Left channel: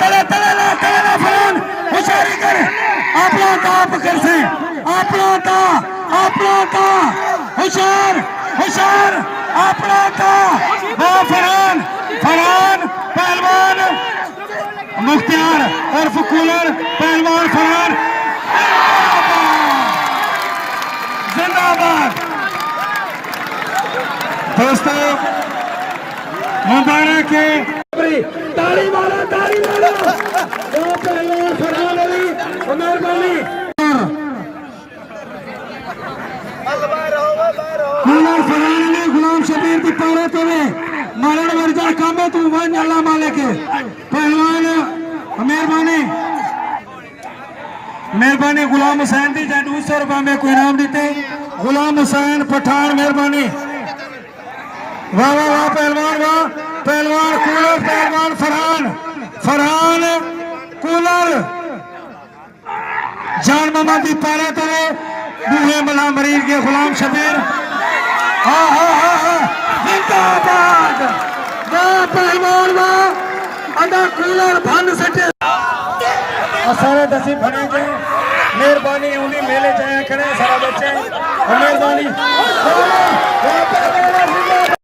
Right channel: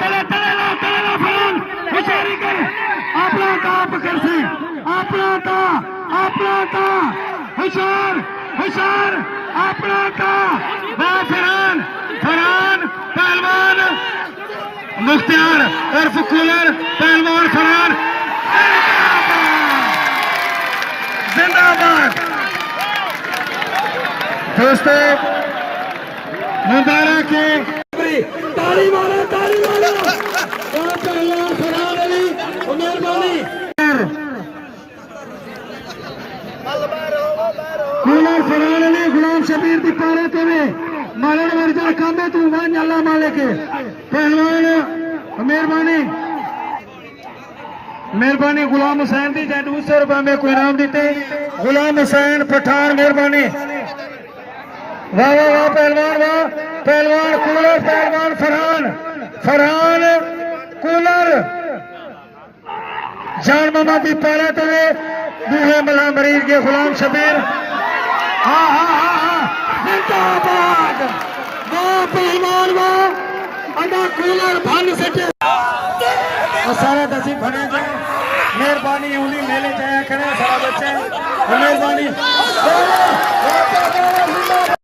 तला तला ला तला ला फलान होशियारी कर अपना ताप कर से अपना ता होशियार होशियार अपना ता वो फरहान फरहान पहलवान मुख्तियार उर्फ कूलर पहलवान फरहान जिंदाबाद। दोस्तों मुबारक है ताली वाला पहलवान फरहान अली मेहरबानी कूलर फरहान अली गुलाम शबीर की पारा तेरे मालन वर्जा काम है तू वन अल्लाह मालिक पहलवान मेहरबानी मेहरबानी गुलाम हुसैन दी 200 रुपए में कोई इनाम देते गुलाम हुसैन पठान मेहरबानी वाह वाह वाह पहलवान कूलर पहलवान फरहान कूलर जान मोहम्मद दी पारा तेरे बूहे मला मरीज के गुलाम शबीर हाँ जिंदाबाद वाह पहलवान वाह अदा कूलर भन सटे सारे दसी भने जाए मेहरबानी उन्हीं मेले जाया करें सारा बच्चे मेहरबानी